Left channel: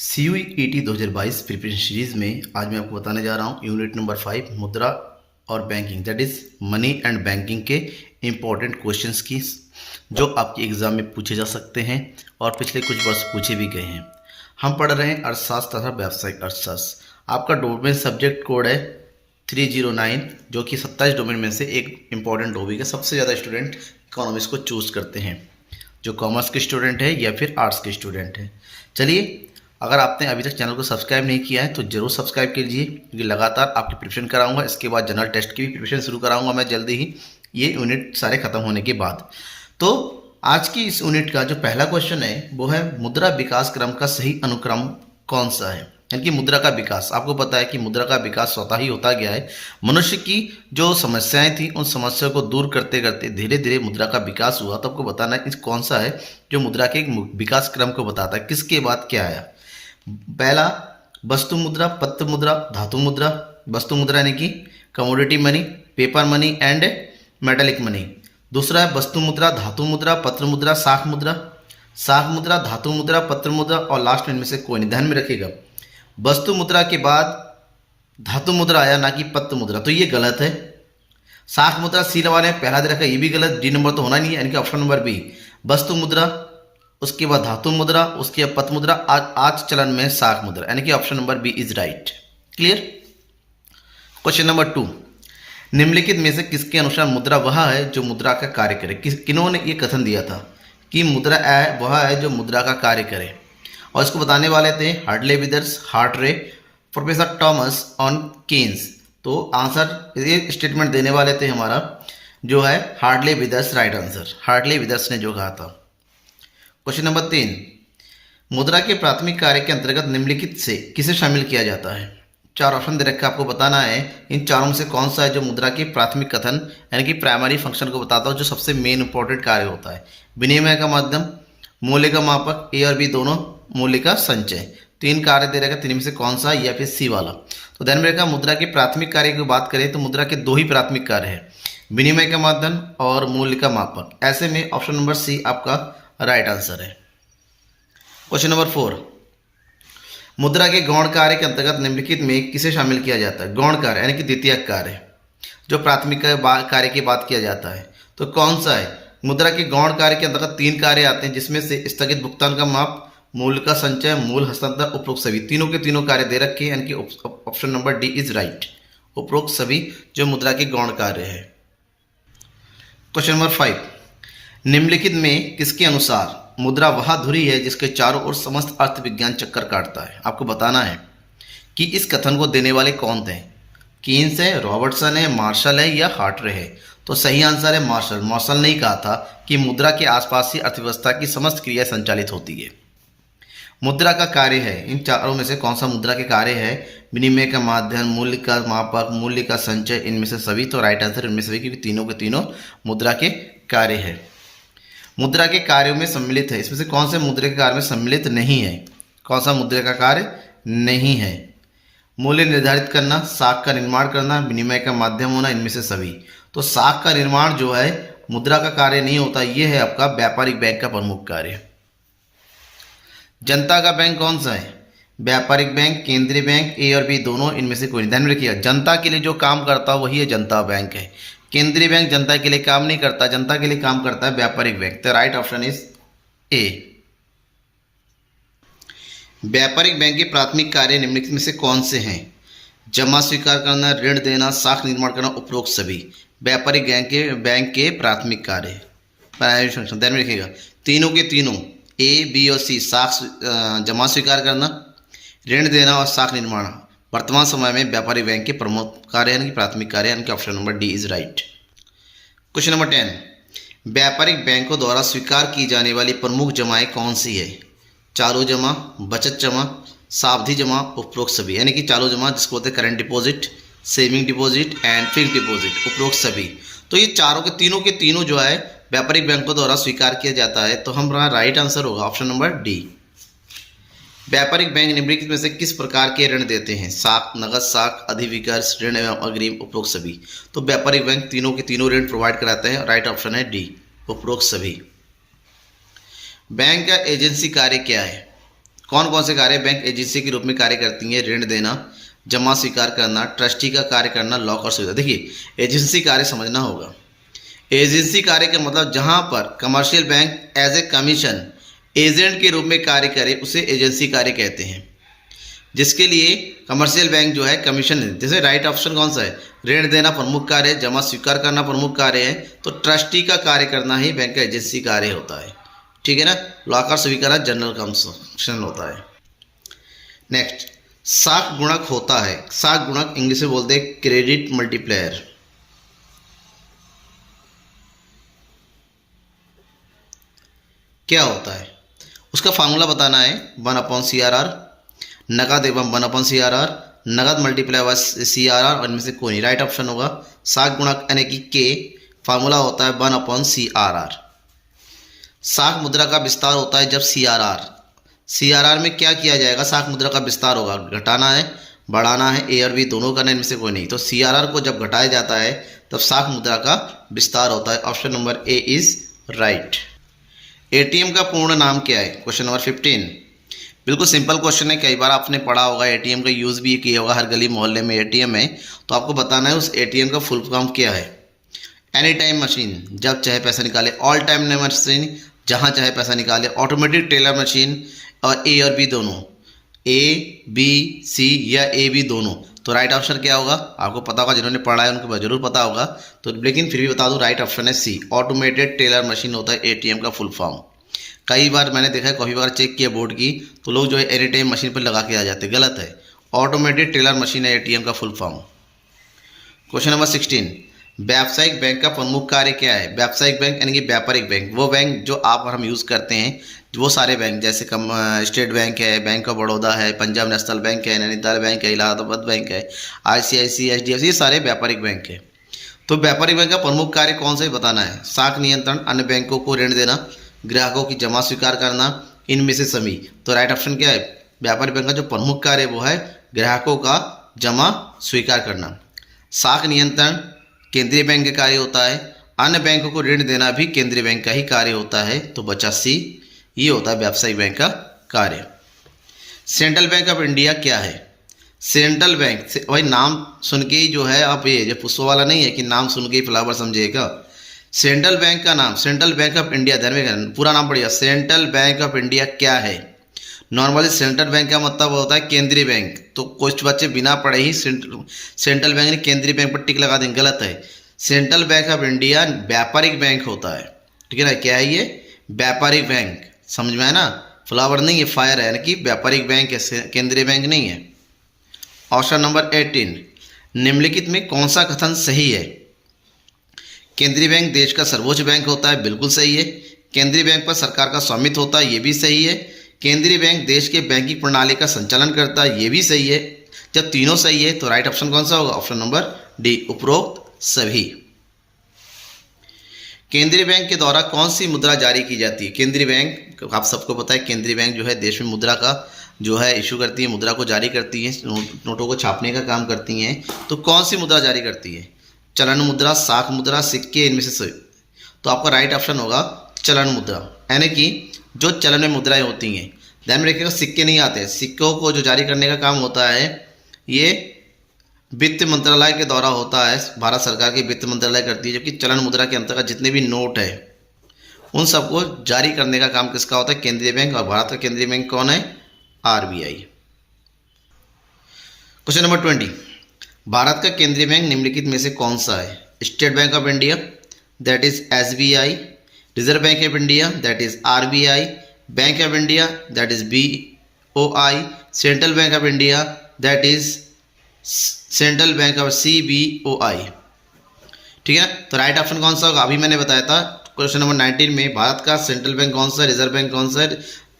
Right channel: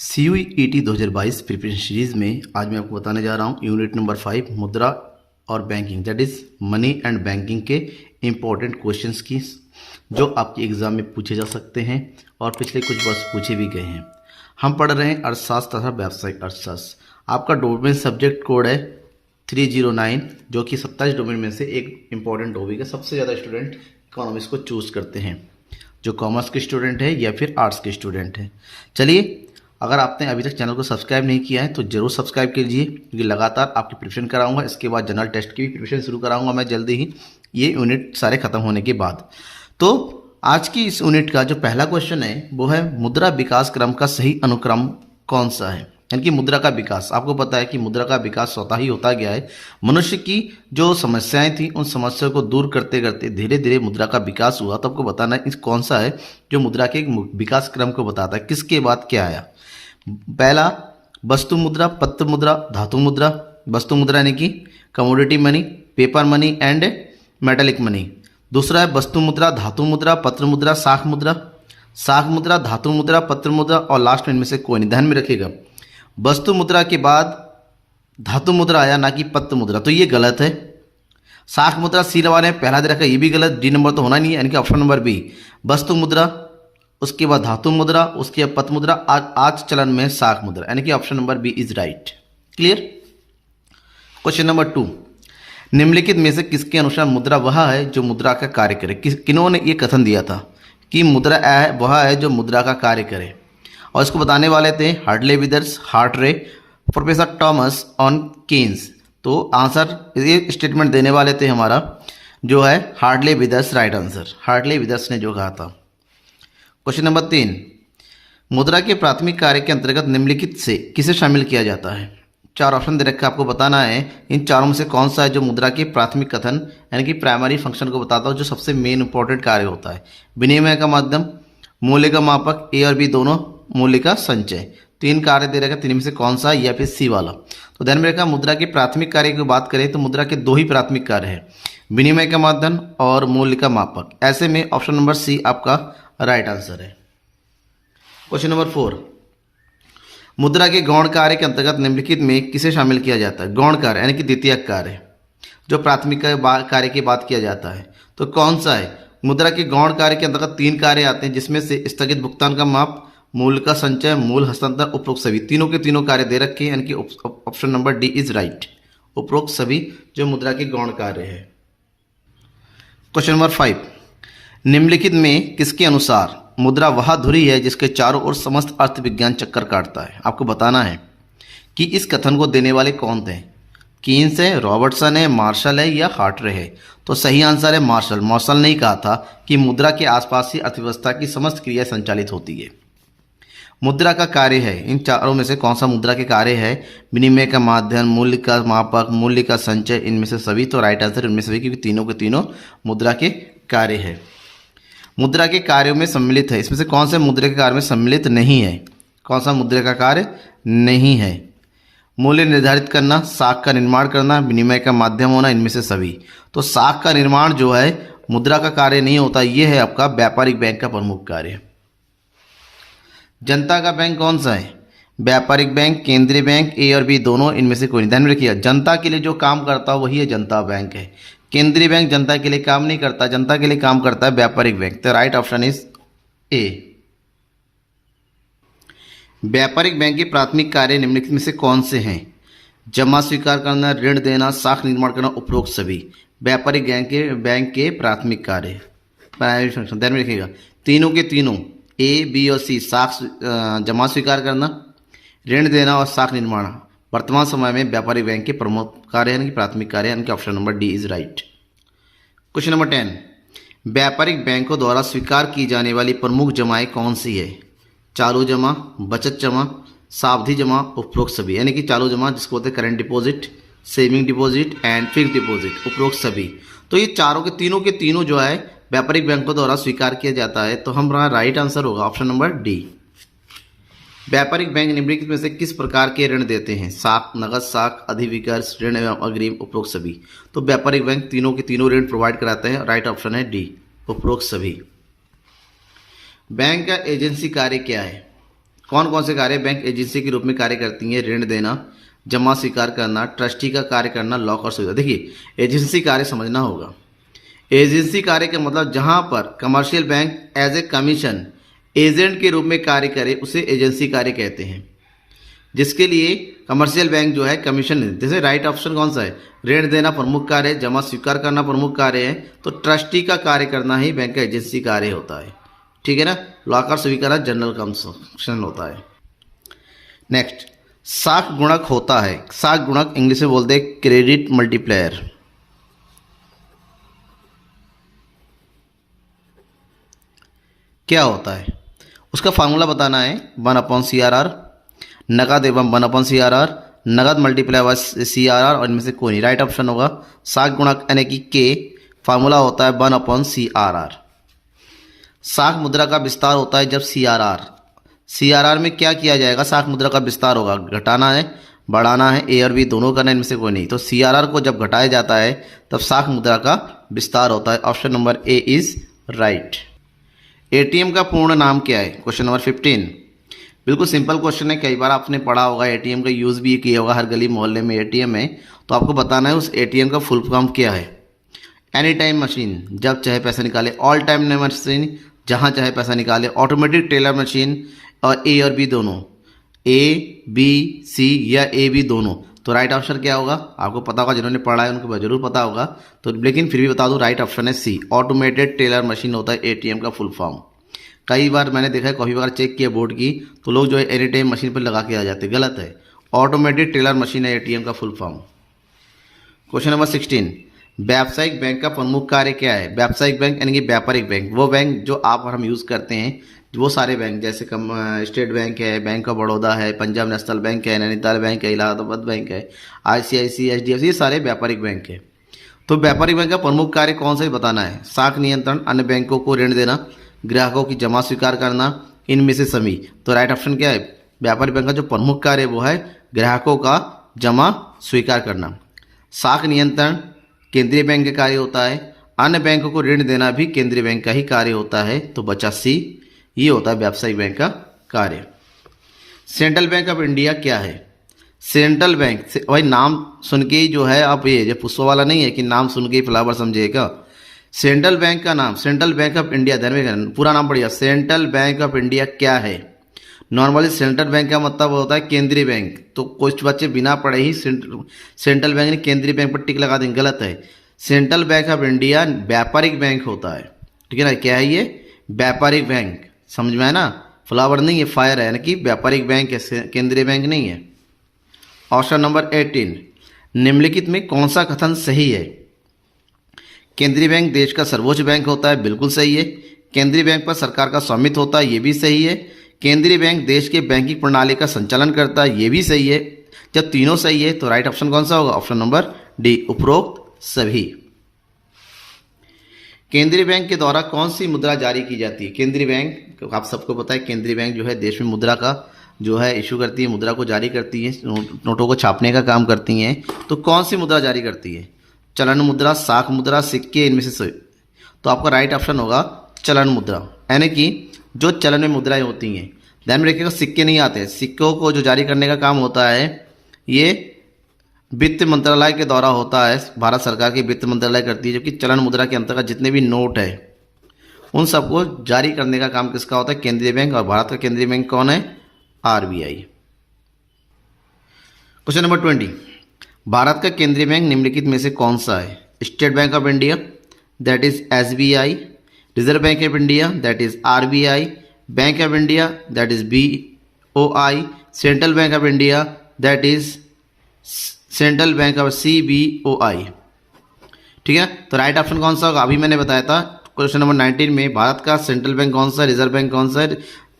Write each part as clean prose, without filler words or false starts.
CUET 2022 preparation series में आज मैं आपको बताने जा रहा हूँ यूनिट नंबर 5 मुद्रा और banking that is money and banking के इम्पोर्टेंट क्वेश्चंस की जो आपके एग्जाम में पूछे जा सकते हैं और पिछले कुछ वर्ष पूछे भी गए हैं। हम पढ़ रहे हैं अर्थशास्त्र तथा व्यावसायिक अर्थशास्त्र। आपका डोमेन सब्जेक्ट कोड है 309 जो कि 27 डोमेन में से एक इम्पॉर्टेंट टॉपिक है। सबसे ज़्यादा स्टूडेंट इकोनॉमिक्स को चूज़ करते हैं, जो कॉमर्स के स्टूडेंट है या फिर आर्ट्स के स्टूडेंट है। चलिए, अगर आपने अभी तक चैनल को सब्सक्राइब नहीं किया है तो जरूर सब्सक्राइब कीजिए, क्योंकि लगातार आपकी प्रिपरेशन कराऊंगा। इसके बाद जनरल टेस्ट की भी प्रिपरेशन शुरू कराऊंगा मैं जल्दी ही, ये यूनिट सारे खत्म होने के बाद। तो आज की इस यूनिट का जो पहला क्वेश्चन है वो है मुद्रा विकास क्रम का सही अनुक्रम कौन सा है। यानी कि मुद्रा का विकास, आपको पता है कि मुद्रा का विकास स्वतः ही होता गया है। मनुष्य की जो समस्याएं थी उन समस्याओं को दूर करते करते धीरे धीरे मुद्रा का विकास हुआ। तो आपको बताना है कौन सा है जो मुद्रा के विकास क्रम को बताता है, किसके बाद क्या आया। पहला वस्तु मुद्रा, पत्र मुद्रा, धातु मुद्रा। वस्तु मुद्रा यानी कि commodity money, paper money and metallic money. दूसरा है वस्तु मुद्रा, धातु मुद्रा, पत्र मुद्रा, साख मुद्रा। साख मुद्रा, धातु मुद्रा, पत्र मुद्रा और लास्ट में इनमें से कोई नहीं। ध्यान में रखिएगा, वस्तु मुद्रा के बाद धातु मुद्रा आया, ना कि पत्र मुद्रा, तो ये गलत है। साख मुद्रा सी वाले पहला दे रखा, ये भी गलत, डी नंबर तो होना नहीं है, यानी कि ऑप्शन नंबर बी। वस्तु मुद्रा, उसके बाद धातु मुद्रा, उसके बाद पत्र मुद्रा, आज चलन में साख मुद्रा, यानी कि option number B is right. Clear. Question number 2, निम्नलिखित में से किसके अनुसार मुद्रा वह है जो मुद्रा का कार्य करे। किन्होंने ये कथन दिया था कि मुद्रा वह है जो मुद्रा का कार्य करे, और इसको बताने वाले थे Hartley Withers, Hartley, professor Thomas on Keynes. तो आंसर ये स्टेटमेंट देने वाले थे हमारा जो है Hartley Withers, right answer Hartley Withers ने जो कहा था। क्वेश्चन नंबर 3, मुद्रा के प्राथमिक कार्य के अंतर्गत निम्नलिखित से किसे शामिल किया जाता है। 4 ऑप्शन दे रखा, आपको बताना है इन चारों में से कौन सा है जो मुद्रा के प्राथमिक कथन यानी कि प्राइमरी फंक्शन को बताता हो, जो सबसे मेन इंपॉर्टेंट कार्य होता है। विनिमय का माध्यम, मूल्य का मापक, ए और बी दोनों, मूल्य का संचय। 3 कार्य दे रखा, 3 में से कौन सा या फिर सी वाला। तो ध्यान में रखा, मुद्रा के प्राथमिक कार्य की बात करें तो मुद्रा के 2 ही प्राथमिक कार्य है, विनिमय का माध्यम और मूल्य का मापक। ऐसे में ऑप्शन नंबर सी आपका राइट आंसर है। क्वेश्चन नंबर 4, मुद्रा के गौण कार्य के अंतर्गत निम्नलिखित में किसे शामिल किया जाता है। गौण कार्य यानी कि द्वितीयक कार्य, जो प्राथमिक कार्य की बात किया जाता है, तो कौन सा है। मुद्रा के गौण कार्य के अंतर्गत 3 कार्य आते हैं, जिसमें से स्थगित भुगतान का माप, मूल्य का संचय, मूल हस्तांतरण, उपरोक्त सभी। तीनों के तीनों कार्य दे रखे हैं, यानी कि option number D is right, उपरोक्त सभी जो मुद्रा के गौण कार्य है। क्वेश्चन नंबर 5, निम्नलिखित में किसके अनुसार मुद्रा वह धुरी है जिसके चारों ओर समस्त अर्थ विज्ञान चक्कर काटता है। आपको बताना है कि इस कथन को देने वाले कौन थे। कीन्स है, रॉबर्टसन है, मार्शल है या हार्टरे है। तो सही आंसर है मार्शल। मार्शल ने कहा था कि मुद्रा के आसपास ही अर्थव्यवस्था की समस्त क्रिया संचालित होती है। मुद्रा का कार्य है, इन चारों में से कौन सा मुद्रा के कार्य है। विनिमय का माध्यम, मूल्य का मापक, मूल्य का संचय, इनमें से सभी। तो राइट आंसर इनमें से भी, क्योंकि तीनों के तीनों मुद्रा के कार्य है, मुद्रा के कार्यों में सम्मिलित है। इसमें से कौन से मुद्रा के कार्य में सम्मिलित नहीं है। कौन सा मुद्रा का कार्य नहीं है। मूल्य निर्धारित करना, साख का निर्माण करना, विनिमय का माध्यम होना, इनमें से सभी। तो साख का निर्माण जो है मुद्रा का कार्य नहीं होता, ये है आपका व्यापारिक बैंक का प्रमुख कार्य। जनता का बैंक कौन सा है। व्यापारिक बैंक, केंद्रीय बैंक, ए और बी दोनों, इनमें से कोई नहीं। ध्यान में रखिएगा, जनता के लिए जो काम करता है वही है जनता बैंक है। केंद्रीय बैंक जनता के लिए काम नहीं करता, जनता के लिए काम करता है व्यापारिक बैंक। तो राइट ऑप्शन इज ए। व्यापारिक बैंक के प्राथमिक कार्य निम्नलिखित में से कौन से हैं। जमा स्वीकार करना, ऋण देना, साख निर्माण करना, उपरोक्त सभी व्यापारिक बैंक के प्राथमिक कार्य, प्राइमरी फंक्शन। ध्यान में रखिएगा, तीनों के तीनों ए, बी और सी, साख जमा स्वीकार करना, ऋण देना और साख निर्माण वर्तमान समय में व्यापारिक बैंक के प्रमुख कार्य यानी प्राथमिक कार्य, यानी कि option number D is right. Question number 10, व्यापारिक बैंकों द्वारा स्वीकार की जाने वाली प्रमुख जमाएं कौन सी है। चालू जमा, बचत जमा, सावधि जमा, उपरोक्त सभी। यानी कि चालू जमा जिसको बोलते हैं current deposit, saving deposit and fixed deposit, उपरोक्त सभी। तो ये चारों के तीनों जो है व्यापारिक बैंकों द्वारा स्वीकार किया जाता है। तो हमारा राइट आंसर होगा ऑप्शन नंबर डी। व्यापारिक बैंक निम्नलिखित में से किस प्रकार के ऋण देते हैं। साख, नगद साख, अधिविकर्ष, ऋण एवं अग्रिम, उपरोक्त सभी। तो व्यापारिक बैंक तीनों के तीनों ऋण प्रोवाइड कराते हैं। राइट ऑप्शन है डी, उपरोक्त सभी। बैंक का एजेंसी कार्य क्या है। कौन कौन से कार्य बैंक एजेंसी के रूप में कार्य करती हैं? ऋण देना, जमा स्वीकार करना, ट्रस्टी का कार्य करना, लॉक और सुविधा। देखिए एजेंसी कार्य समझना होगा। एजेंसी कार्य का मतलब जहां पर commercial bank as a commission agent के रूप में कार्य करे उसे एजेंसी कार्य कहते हैं, जिसके लिए कमर्शियल बैंक जो है कमीशन देते। जैसे राइट ऑप्शन कौन सा है? ऋण देना प्रमुख कार्य है, जमा स्वीकार करना प्रमुख कार्य है, तो ट्रस्टी का कार्य करना ही बैंक का एजेंसी कार्य होता है। ठीक है ना। लॉक और स्वीकार जनरल कमीशन होता है। नेक्स्ट, साख गुणक होता है। साख गुणक इंग्लिश में बोलते हैं क्रेडिट मल्टीप्लायर। क्या होता है? उसका फार्मूला बताना है 1/CRR, नगद एवं 1/CRR, नगद मल्टीप्लाई बाय CRR और इनमें से कोई नहीं। राइट ऑप्शन होगा साख गुणक यानी कि के। फार्मूला होता है 1/CRR। साख मुद्रा का विस्तार होता है जब CRR में क्या किया जाएगा? साख मुद्रा का विस्तार होगा, घटाना है, बढ़ाना है, ए और बी दोनों करना है, इनमें से कोई नहीं। तो CRR को जब घटाया जाता है तब साख मुद्रा का विस्तार होता है। Option number A is right. ATM का पूर्ण नाम क्या है? Question number 15। बिल्कुल सिंपल क्वेश्चन है, कई बार आपने पढ़ा होगा, एटीएम का यूज़ भी किया होगा, हर गली मोहल्ले में एटीएम है। तो आपको बताना है उस एटीएम का फुल फॉर्म क्या है। एनी टाइम मशीन, जब चाहे पैसा निकाले। ऑल टाइम मशीन, जहाँ चाहे पैसा निकाले। ऑटोमेटिक टेलर मशीन, और ए और बी दोनों, ए बी सी या ए बी दोनों। तो राइट ऑप्शन क्या होगा? आपको पता होगा, जिन्होंने पढ़ा है उनको जरूर पता होगा, तो लेकिन फिर भी बता दूं, राइट ऑप्शन है सी, ऑटोमेटेड टेलर मशीन होता है एटीएम का फुल फॉर्म। कई बार मैंने देखा है, काफ़ी बार चेक किया बोर्ड की, तो लोग जो है एनी टाइम मशीन पर लगा के आ जाते, गलत है। ऑटोमेटेड टेलर मशीन है एटीएम का फुल फॉर्म। क्वेश्चन नंबर 16, व्यावसायिक बैंक का प्रमुख कार्य क्या है? व्यावसायिक बैंक यानी कि व्यापारिक बैंक, वो बैंक जो आप और हम यूज़ करते हैं, वो सारे बैंक, जैसे स्टेट बैंक है, बैंक ऑफ बड़ौदा है, पंजाब नेशनल बैंक है, नैनीताल बैंक है, इलाहाबाद बैंक है, ICICI, HDFC, ये सारे व्यापारिक बैंक है। तो व्यापारिक बैंक का प्रमुख कार्य कौन सा ही बताना है? साख नियंत्रण, अन्य बैंकों को ऋण देना, ग्राहकों की जमा स्वीकार करना, इनमें से सभी। तो राइट ऑप्शन क्या है? व्यापारिक बैंक का जो प्रमुख कार्य वो है ग्राहकों का जमा स्वीकार करना। साख नियंत्रण केंद्रीय बैंक का कार्य होता है, अन्य बैंकों को ऋण देना भी केंद्रीय बैंक का ही कार्य होता है। तो बचा सी, ये होता है व्यावसायिक बैंक का कार्य। सेंट्रल बैंक ऑफ इंडिया क्या है? सेंट्रल बैंक भाई नाम सुन के ही जो है आप ये पुष्पा वाला नहीं है कि नाम सुन के ही फ्लावर समझिएगा। सेंट्रल बैंक का नाम सेंट्रल बैंक ऑफ इंडिया, ध्यान में पूरा नाम पढ़िएगा। सेंट्रल बैंक ऑफ इंडिया क्या है? नॉर्मली सेंट्रल बैंक का मतलब होता है केंद्रीय बैंक, तो कुछ बच्चे बिना पढ़े ही सेंट्रल बैंक ने केंद्रीय बैंक पर टिक लगा देंगे, गलत है। सेंट्रल बैंक ऑफ इंडिया व्यापारिक बैंक होता है, ठीक है ना। क्या है ये? व्यापारिक बैंक, समझ में है ना। फ्लावर नहीं है, फायर है, यानी कि व्यापारिक बैंक है, केंद्रीय बैंक नहीं है। ऑप्शन नंबर 18, निम्नलिखित में कौन सा कथन सही है? केंद्रीय बैंक देश का सर्वोच्च बैंक होता है, बिल्कुल सही है। केंद्रीय बैंक पर सरकार का स्वामित्व होता है, ये भी सही है। केंद्रीय बैंक देश के बैंकिंग प्रणाली का संचालन करता है, ये भी सही है। जब तीनों सही है तो राइट ऑप्शन कौन सा होगा? ऑप्शन नंबर डी, उपरोक्त सभी। केंद्रीय बैंक के द्वारा कौन सी मुद्रा जारी की जाती है? केंद्रीय बैंक, आप सबको पता है, केंद्रीय बैंक जो है देश में मुद्रा का जो है इशू करती है, मुद्रा को जारी करती है, नोटों को छापने का काम करती हैं। तो कौन सी मुद्रा जारी करती है? चलन मुद्रा, साख मुद्रा, सिक्के, इनमें से सही। तो आपका राइट ऑप्शन होगा चलन मुद्रा, यानी कि जो चलन में मुद्राएं होती हैं। ध्यान में रखिएगा, सिक्के नहीं आते। सिक्कों को जो जारी करने का काम होता है ये वित्त मंत्रालय के द्वारा होता है, भारत सरकार की वित्त मंत्रालय करती है। जबकि चलन मुद्रा के अंतर्गत जितने भी नोट है उन सबको जारी करने का काम किसका होता है? केंद्रीय बैंक। और भारत का केंद्रीय बैंक कौन है? RBI। क्वेश्चन नंबर 20, भारत का केंद्रीय बैंक निम्नलिखित में से कौन सा है? State bank of India, that is SBI, reserve Bank of India, that is RBI, bank of India, that is BOI, central bank of India, that is central bank of CBOI। ठीक है, तो right option कौन सा होगा? अभी मैंने बताया था क्वेश्चन नंबर 19 में, भारत का सेंट्रल बैंक कौन सा है, रिजर्व बैंक कौन सा है?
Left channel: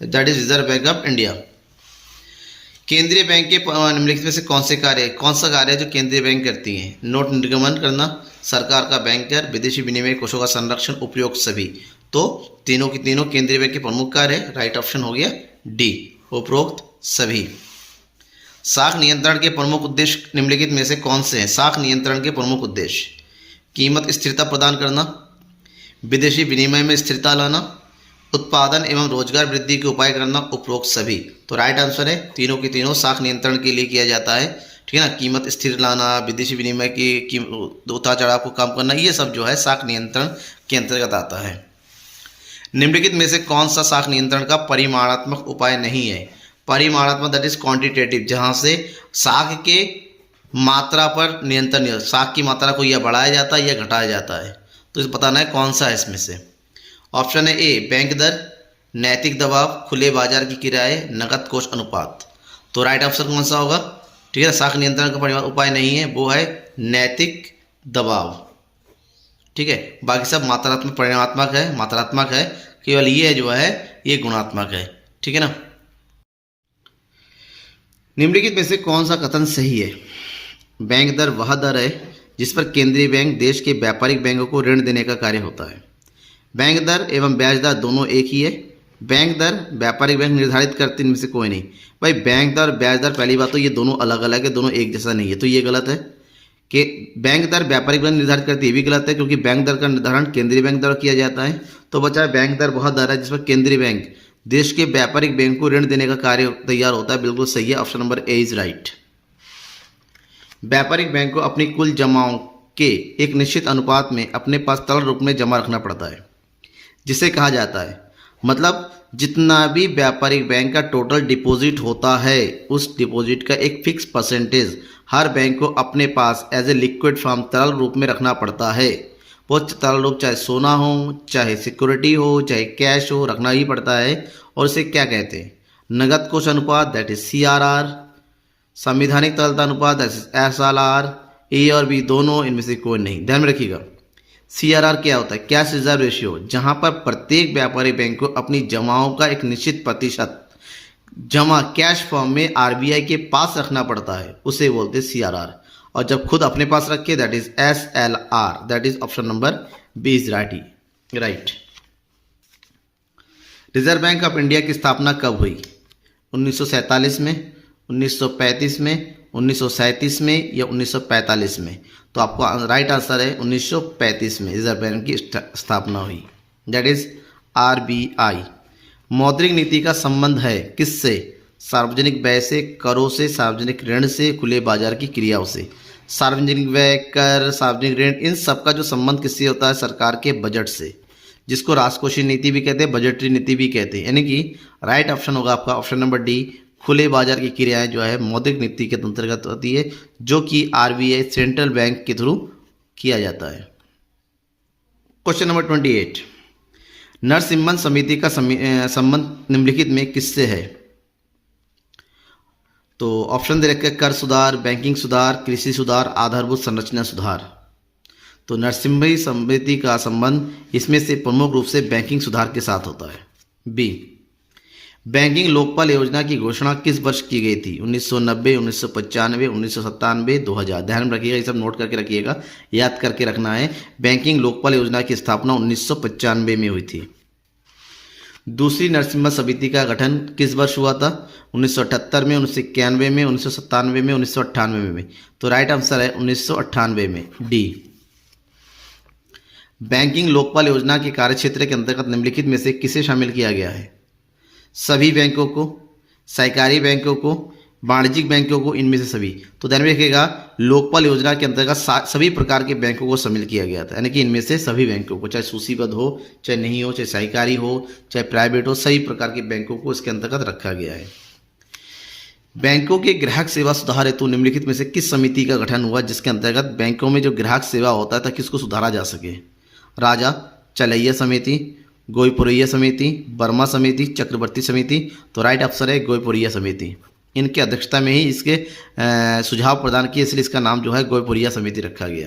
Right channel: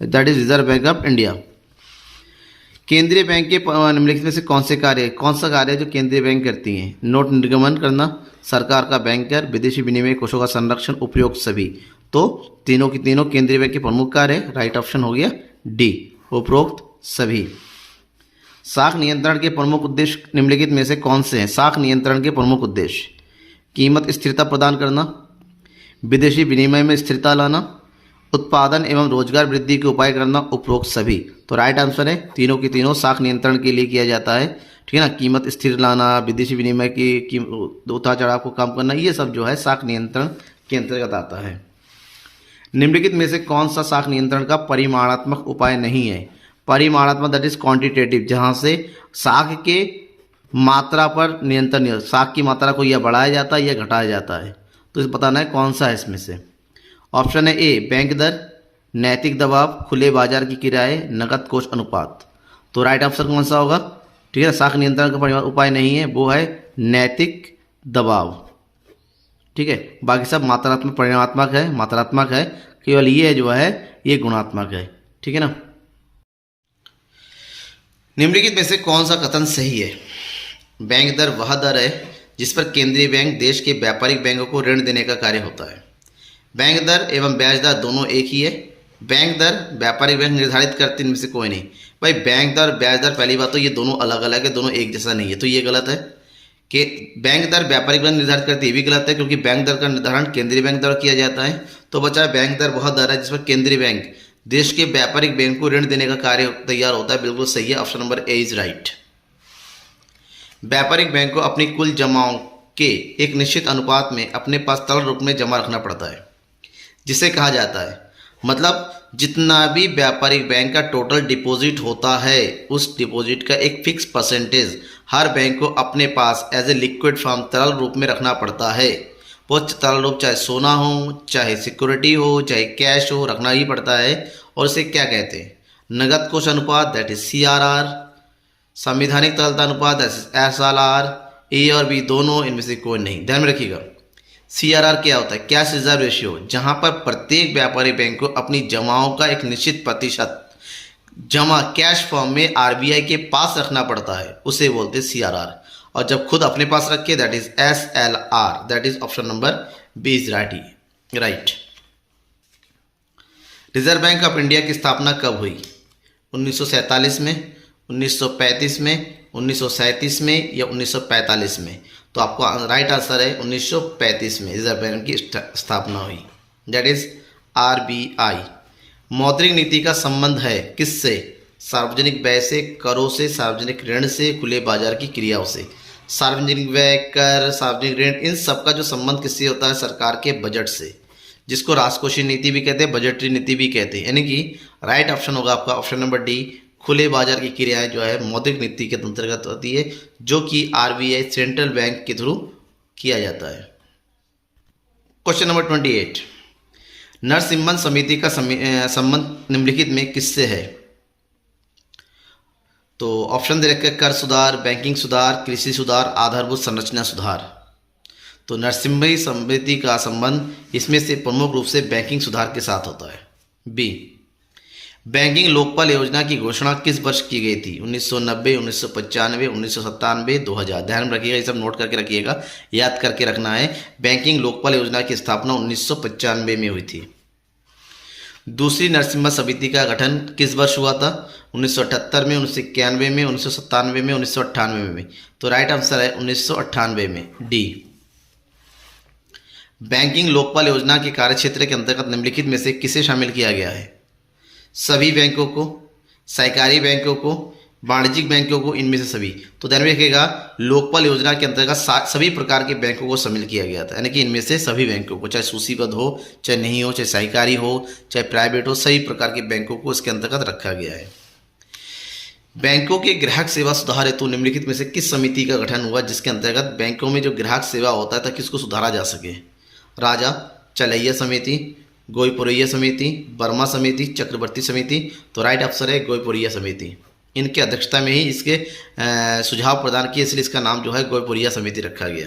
That is reserve Bank of India. केंद्रीय बैंक के निम्नलिखित में से कौन से कार्य, कौन सा कार्य है जो केंद्रीय बैंक करती हैं? नोट निर्गमन करना, सरकार का बैंकर, विदेशी विनिमय कोषों का संरक्षण, उपयोग सभी। तो तीनों की तीनों केंद्रीय बैंक के प्रमुख कार्य है। राइट ऑप्शन हो गया डी, उपरोक्त सभी। साख नियंत्रण के प्रमुख उद्देश्य निम्नलिखित में से कौन से हैं? साख नियंत्रण के प्रमुख उद्देश्य: कीमत स्थिरता प्रदान करना, विदेशी विनिमय में स्थिरता लाना, उत्पादन एवं रोजगार वृद्धि के उपाय करना, उपरोक्त सभी। तो राइट आंसर है तीनों के तीनों साख नियंत्रण के लिए किया जाता है, ठीक है ना। कीमत स्थिर लाना, विदेशी विनिमय की उतार चढ़ाव को कम करना, ये सब जो है साख नियंत्रण के अंतर्गत आता है। निम्नलिखित में से कौन सा साख नियंत्रण का परिमाणात्मक उपाय नहीं है? परिमाणात्मक दैट इज क्वांटिटेटिव, जहाँ से साख के मात्रा पर नियंत्रण नहीं, साख की मात्रा को या बढ़ाया जाता है या घटाया जाता है। तो इसे बताना है कौन सा है इसमें से। ऑप्शन है ए बैंक दर, नैतिक दबाव, खुले बाजार की किराए, नकद कोष अनुपात। तो राइट आंसर कौन सा होगा? ठीक है, साख नियंत्रण का परिमाण उपाय नहीं है, वो है नैतिक दबाव। ठीक है, बाकी सब मात्रात्मक मात्रात्मक है, केवल ये जो है ये गुणात्मक है। ठीक है ना। निम्नलिखित में से कौन सा कथन सही है? बैंक दर वह दर है जिस पर केंद्रीय बैंक देश के व्यापारिक बैंकों को ऋण देने का कार्य होता है। बैंक दर एवं ब्याज दर दोनों एक ही है। बैंक दर व्यापारिक बैंक निर्धारित करते इनमें से कोई नहीं। भाई बैंक दर ब्याज दर, पहली बात तो ये दोनों अलग अलग है, दोनों एक जैसा नहीं है, तो ये गलत है कि बैंक दर व्यापारिक बैंक निर्धारित करती है, ये भी गलत है क्योंकि बैंक दर का निर्धारण केंद्रीय बैंक द्वारा किया जाता है। तो बचा है बैंक दर वह दर है जिस पर केंद्रीय बैंक देश के व्यापारिक बैंक को ऋण देने का कार्य तैयार होता है। बिल्कुल सही है, option number A is right. व्यापारिक बैंक को अपनी कुल जमाओं के एक निश्चित अनुपात में अपने पास तरल रूप में जमा रखना पड़ता है, जिसे कहा जाता है, मतलब जितना भी व्यापारिक बैंक का टोटल डिपॉजिट होता है उस डिपॉजिट का एक फिक्स परसेंटेज हर बैंक को अपने पास एज ए लिक्विड फॉर्म तरल रूप में रखना पड़ता है। वो तरल रूप चाहे सोना हो, चाहे सिक्योरिटी हो, चाहे कैश हो, रखना ही पड़ता है। और इसे क्या कहते हैं? नगद कोष अनुपात दैट इज CRR, संविधानिक तरलता अनुपात दैट इज SLR। ए और बी दोनों, इनमें से कोई नहीं। ध्यान में रखिएगा, CRR क्या होता है? कैश रिजर्व रेशियो, जहां पर प्रत्येक व्यापारी बैंक को अपनी जमाओं का एक निश्चित प्रतिशत जमा कैश फॉर्म में RBI के पास रखना पड़ता है, उसे बोलते हैं CRR। और जब खुद अपने पास रखे that is SLR। That is option number B is right. Reserve Bank of India की स्थापना कब हुई? 1947 में, 1935 में, 1937 में या 1945 में? तो आपको राइट आंसर है 1935 में रिजर्व बैंक की स्थापना हुई, दैट इज RBI। मौद्रिक नीति का संबंध है किससे? सार्वजनिक व्यय से, करों से, सार्वजनिक ऋण से, खुले बाजार की क्रियाओं से। सार्वजनिक व्यय, कर, सार्वजनिक ऋण, इन सब का जो संबंध किससे होता है? सरकार के बजट से, जिसको राजकोषीय नीति भी कहते हैं, बजटरी नीति भी कहते हैं। यानी कि राइट ऑप्शन होगा आपका ऑप्शन नंबर डी, खुले बाजार की क्रियाएं जो है मौद्रिक नीति के अंतर्गत होती है, जो कि RBI सेंट्रल बैंक के थ्रू किया जाता है। क्वेश्चन नंबर 28, नरसिम्हन समिति का संबंध निम्नलिखित में किससे है? तो ऑप्शन दे रखे हैं, कर सुधार, बैंकिंग सुधार, कृषि सुधार, आधारभूत संरचना सुधार। तो नरसिम्हन समिति का संबंध इसमें से प्रमुख रूप से बैंकिंग सुधार के साथ होता है। बी, बैंकिंग लोकपाल योजना की घोषणा किस वर्ष की गई थी? 1990, 1995, 1997, 2000। ध्यान में रखिएगा, ये सब नोट करके रखिएगा, याद करके रखना है। बैंकिंग लोकपाल योजना की स्थापना 1995 में हुई थी। दूसरी नरसिम्हा समिति का गठन किस वर्ष हुआ था? 1978 में, 1991 में, 1997 में, 1998 में। तो राइट आंसर है 1998 में, डी। बैंकिंग लोकपाल योजना के कार्यक्षेत्र के अंतर्गत निम्नलिखित में से किसे शामिल किया गया है? सभी बैंकों को, सहकारी बैंकों को, वाणिज्यिक बैंकों को, इनमें से सभी। तो ध्यान में रखिएगा, लोकपाल योजना के अंतर्गत सभी प्रकार के बैंकों को शामिल किया गया था, यानी कि इनमें से सभी बैंकों को, चाहे सूचीबद्ध हो, चाहे नहीं हो, चाहे सहकारी हो, चाहे प्राइवेट हो, सभी प्रकार के बैंकों को इसके अंतर्गत रखा गया है। बैंकों के ग्राहक सेवा सुधार हेतु निम्नलिखित में से किस समिति का गठन हुआ जिसके अंतर्गत बैंकों में जो ग्राहक सेवा होता है ताकि इसको सुधारा जा सके? राजा, चलैया समिति, गोईपुरैया समिति, वर्मा समिति, चक्रवर्ती समिति। तो राइट आंसर है गोईपुरैया समिति। इनकी अध्यक्षता में ही इसके सुझाव प्रदान किए, इसलिए इसका नाम जो है गोईपुरैया समिति रखा गया।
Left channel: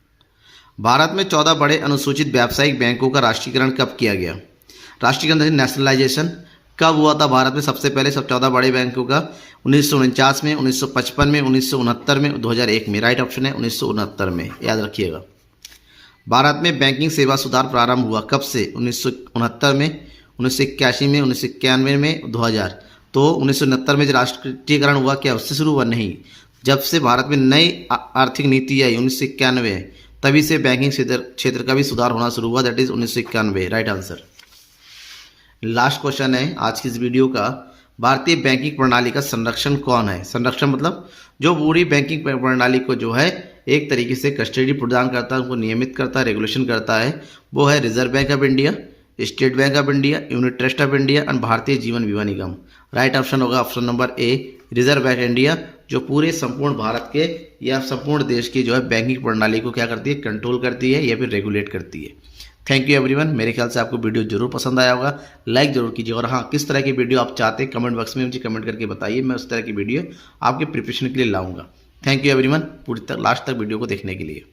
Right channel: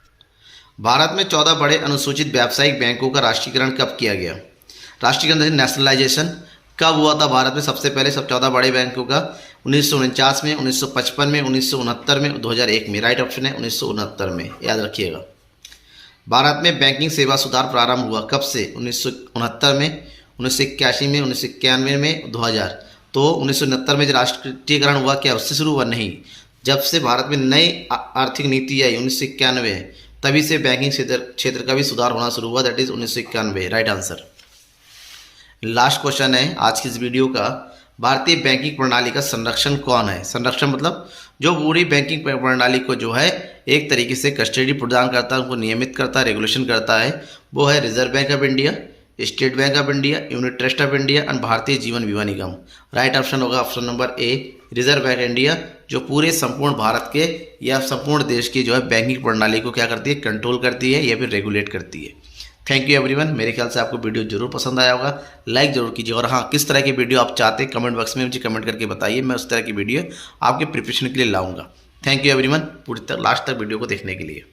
भारत में 14 बड़े अनुसूचित व्यावसायिक बैंकों का राष्ट्रीयकरण कब किया गया? राष्ट्रीयकरण नेशनलाइजेशन कब हुआ था भारत में सबसे पहले सब 14 बड़े बैंकों का? 1949 में, 1955 में, 1969 में, 2001 में। राइट ऑप्शन है 1969 में, याद रखिएगा। भारत में बैंकिंग सेवा सुधार प्रारंभ हुआ कब से? 1969 में, 1981 में, 1991 में, 2000। तो 1969 में जो राष्ट्रीयकरण हुआ क्या उससे शुरू हुआ? नहीं, जब से भारत में नई आर्थिक नीति आई 1991, तभी से बैंकिंग क्षेत्र का भी सुधार होना शुरू हुआ, that is 1991। Right answer. Last question है आज की इस वीडियो का, भारतीय बैंकिंग प्रणाली का संरक्षण कौन है? संरक्षण मतलब जो पूरी बैंकिंग प्रणाली को जो है एक तरीके से कस्टडी प्रदान करता है, उनको नियमित करता है, रेगुलेशन करता है, वो है reserve Bank of India, state bank of India, unit trust of India and Bharatiya Jeevan बीमा निगम। राइट ऑप्शन होगा option number A, reserve bank India, जो पूरे संपूर्ण भारत के या संपूर्ण देश की जो है बैंकिंग प्रणाली को क्या करती है, कंट्रोल करती है या फिर रेगुलेट करती है। Thank you everyone. मेरे ख्याल से आपको वीडियो जरूर पसंद आया होगा, लाइक जरूर कीजिए, और हाँ, किस तरह की वीडियो आप चाहते हैं कमेंट बॉक्स में मुझे कमेंट करके बताइए, मैं उस तरह की वीडियो आपके प्रिपरेशन के लिए लाऊंगा। थैंक यू एवरीवन, पूरी तक लास्ट तक वीडियो को देखने के लिए।